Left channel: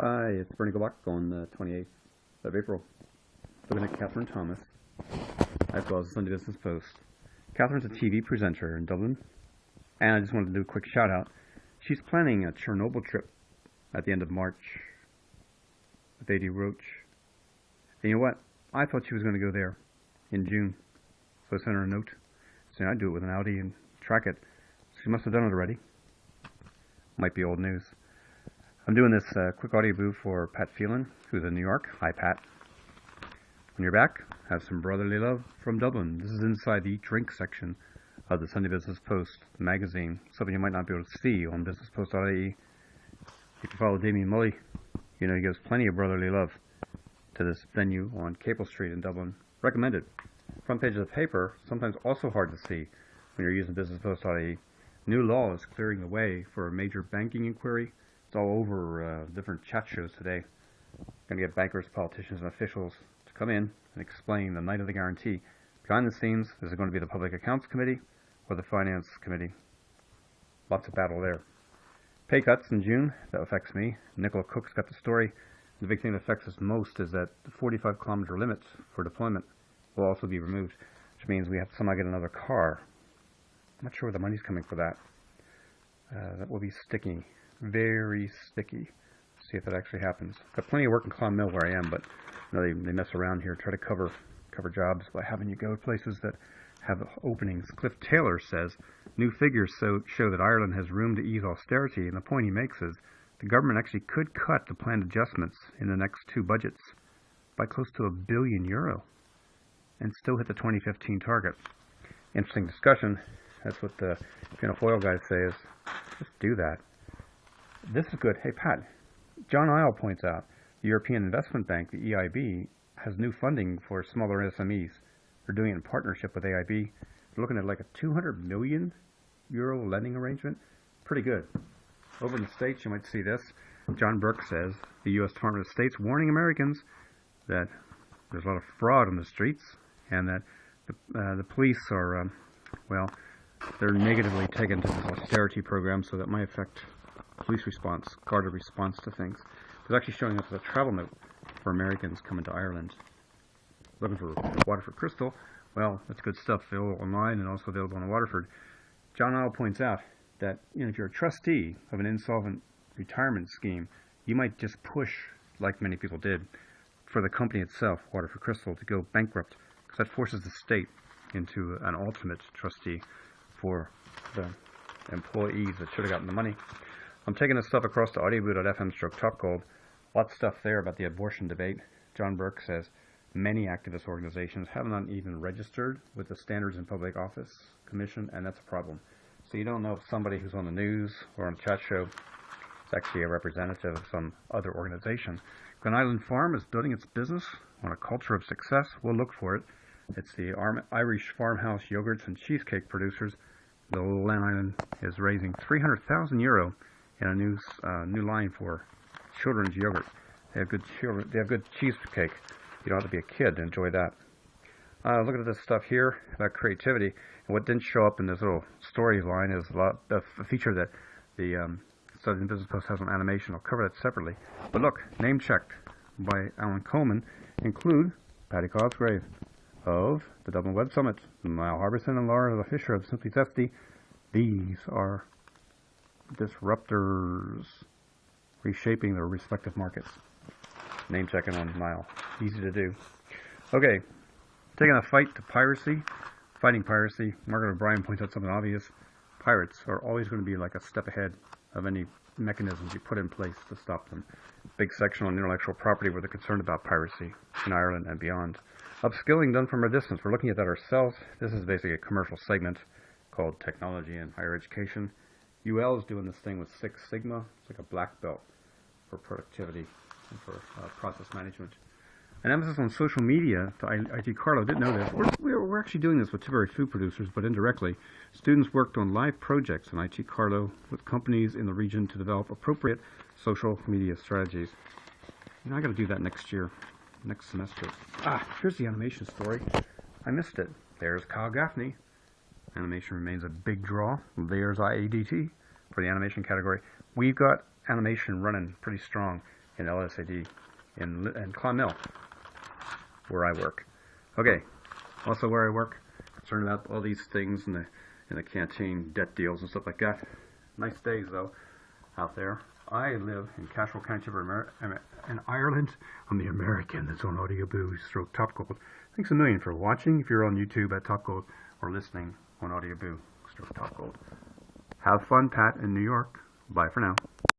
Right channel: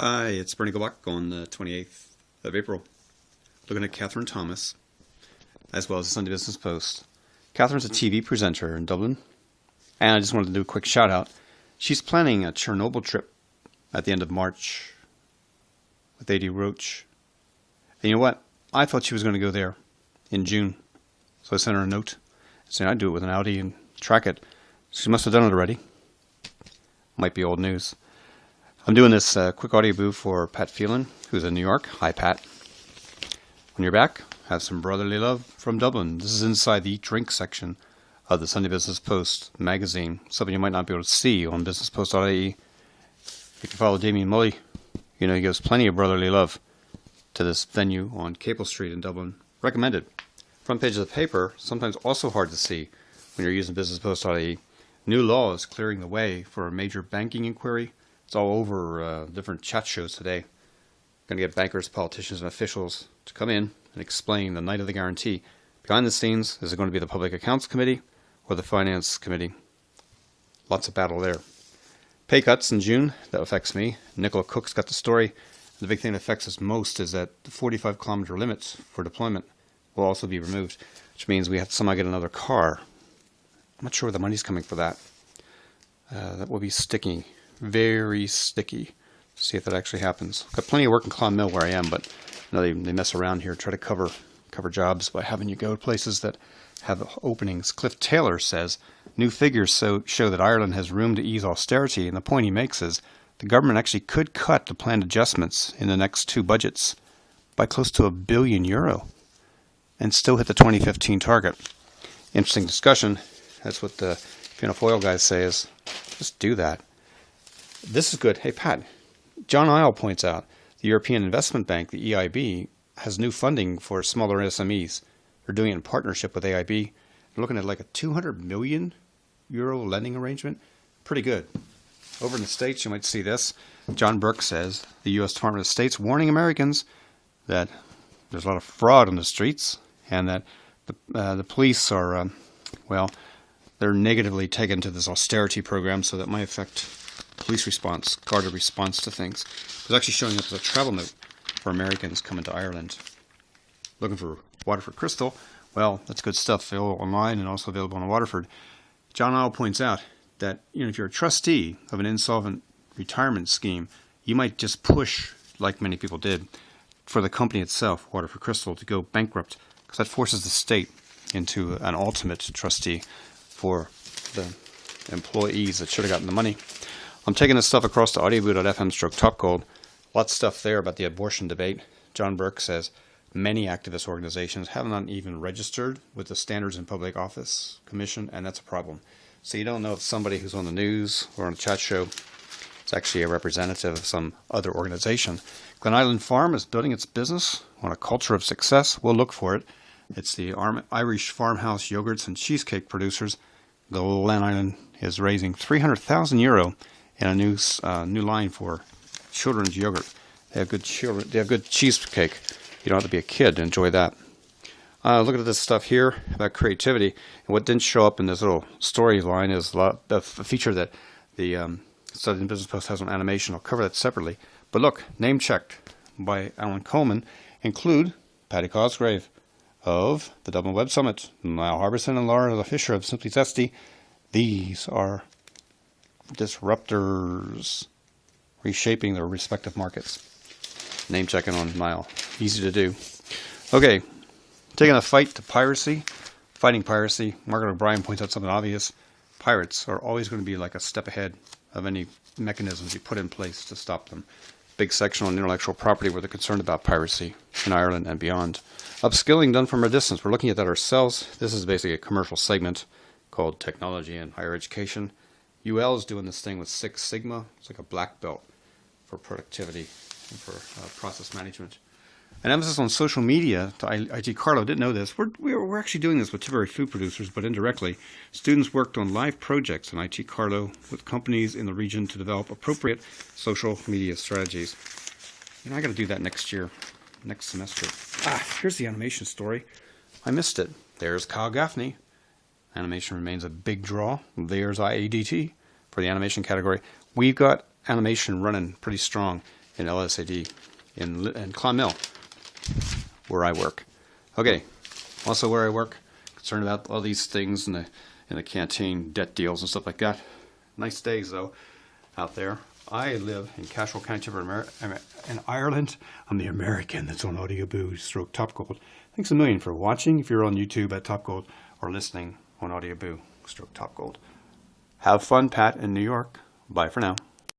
Hi, it's Bernie Gobak on the 28th of April, looking at Catherine Thomas, as well as the Sunday Business Post. Catherine's a TV presenter in Dublin, and I just wanted to do a quick shout out. She's planning a Chernobyl trip at the end of March with A.D. Roach. And you know what? I thought she was going to go there in June, so I sent her a note saying I'd do it with an Audi and track it. She must have done it already. Might be old news. I'm doing this quick audio boo for Pat Phelan, who's in New York. Hi, Pat. When you're back, have some brotherly love from Dublin. This is inside the Eat Drink section of the Sunday Business Post magazine, something you might not be able to see on businesspost.ie. If you follow Damien Mully, you know he gives plenty of brotherly love to this venue on Capel Street in Dublin. Recommended. Front page of the paper, sometimes also hard to see when you're using businesspost.ie. New law is clearing the way for a major banking inquiry. It's all over different chat shows today. Going to get bankers, politicians, and officials to come in and explain the night of the guarantee. Behind the scenes, is it going to be the Public Accounts Committee or the Finance Committee? Lots of battle there. Pay cuts in June, that affects me. Nicola Cook's got the story. The big thing that affects us most is that the 45-kilometer limits for deployment will also be removed, which means we have to somehow get another car. I'm not sure where the money's coming for that. That will be sticky. Very sticky. See if that actually happens. Got plenty of work in Clonmel where I am, but you know, they mess around here, try to cover jobs by having you go to places that have openings. Cliff Taylor says new figures show that Ireland has room to ease austerity, and the point he makes is the government actually could cut the planned adjustments in the next two budgets by close to €1 billion and still hit the 2015 target. Interesting discussion. That's what the Foil guys say is just do that. This is good. Hey, Pat, John Isle points out the European Investment Bank, the EIB, has new funding for smaller SMEs. They're doing it in partnership with AIB. They're looking at like a €200 million lending arrangement. Pretty good. Over in the States, you might see this. John Burke says the U.S. Department of State's warning Americans that there's a lot of fraud on the streets and that the police are, they're negatively taken to this austerity program, so that might affect police response, guarded response to things. It was actually showing up as a travel note for Americans coming to Ireland. Looking for Waterford Crystal? Well, that's good stuff, available online and also available in Waterford. John Isle points out that if you're a trustee of an insolvent retirement scheme, you might just push, like many people did, for the company itself, Waterford Crystal, to go bankrupt, because that forces the state into an ultimate trustee for the employees that should have gotten the money. I'm taking this stuff across to audioboot.fm/topgold. Lots of stuff there about the abortion debate. John Burke says many activist organizations have not even registered with the Standards in Public Office Commission, and that's a problem. So you don't know if somebody who's on the news or on a chat show is actually a representative of some other organization. Glen Island Farm is building its business on a culture of success. We'll look for it. It's the Irish farmhouse yogurts and cheesecake producers. The Glen Island is raising €300,000 in a new line for children's yogurt. They have good cheesecake. You don't have to be a kid to enjoy that. Look at this stuff here about creativity. And what didn't show up in this little storyline is a feature that the Southern Business Post has on animation. I'll cover that separately. But look, name checked by Alan Coleman include Paddy Cosgrave of the Dublin Web Summit, Niall Harbison and Laura Fisher of Simply Zesty. These are disruptors reshaping their respective markets. Name checking on Niall. Easy to do. Okay, taking a fight to piracy, fighting piracy. Margaret O'Brien points out something obvious. Pirates are always going to be like a step ahead of any mechanisms you put in place to stop them. Big section on intellectual property where they're concerned about piracy in Ireland and beyond. Upskilling done from a distance. We're looking at that ourselves. This is basically a commercial segment called Technology and Higher Education. UL is doing this thing with Six Sigma. It's like a black belt for productivity and for process management. An emphasis on social media to IT Carlo. Didn't know this. We're actually doing this with temporary food producers, but indirectly. Students worked on live projects in IT Carlo with companies in the region to develop appropriate social media strategies. I got to do that next semester. Here's the animation story. I missed it. There's Kyle Gaffney. Animation remains a big draw. There's IADT for the animation category. We've got animation running pretty strong. in LSAD in Clonmel, where I work. Okay, also where I work, concerned about all these things in the canteen, debt deals and stuff like that. Nice days though, out there. I live in Cashel County in Ireland. I'm the American that's on Audioboo / Top Gold. Thanks a million for watching. If you're on YouTube at Top Gold or listening on Audioboo / Top Gold. Have fun, Pat, in New York. Bye for now.